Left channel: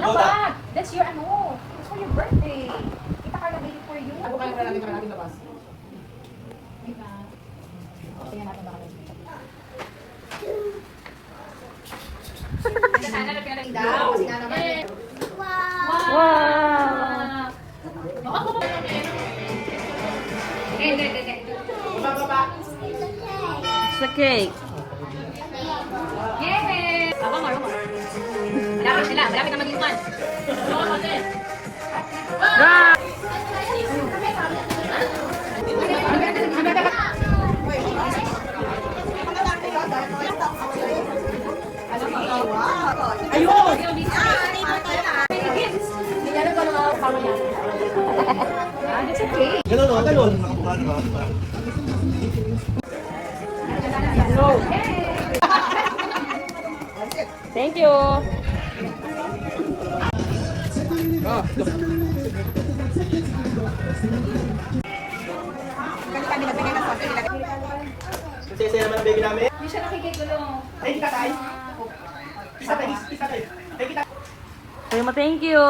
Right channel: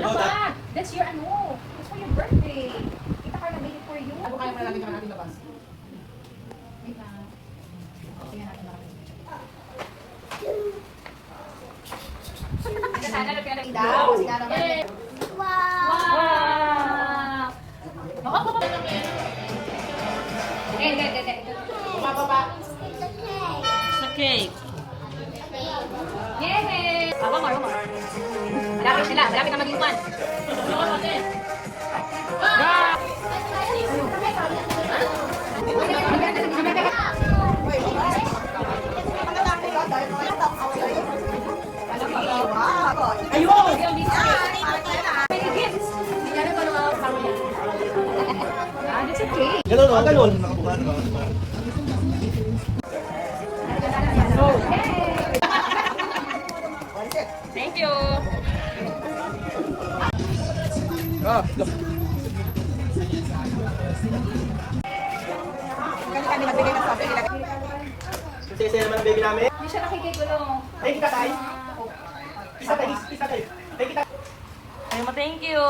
Dapat! That's your ano. It's for your birthday. Kita ka na made it for you. Ako kaya pala natin labas. Diba? Tingnan natin baka sana na pinag-daw. Sila naman. Wow! Hindi. Bumababa. Sa cake. Yes! Awang. Malapit sila. Malapit na mag-iwan. Ayun! That's okay. Ganun o, ganun. Nakabukan ba? Thank you. Kasi naman ang baby namin. Hindi siya nakikigulong. Ay, kita tayo. Isa tayo. Ay, kita. Thank you.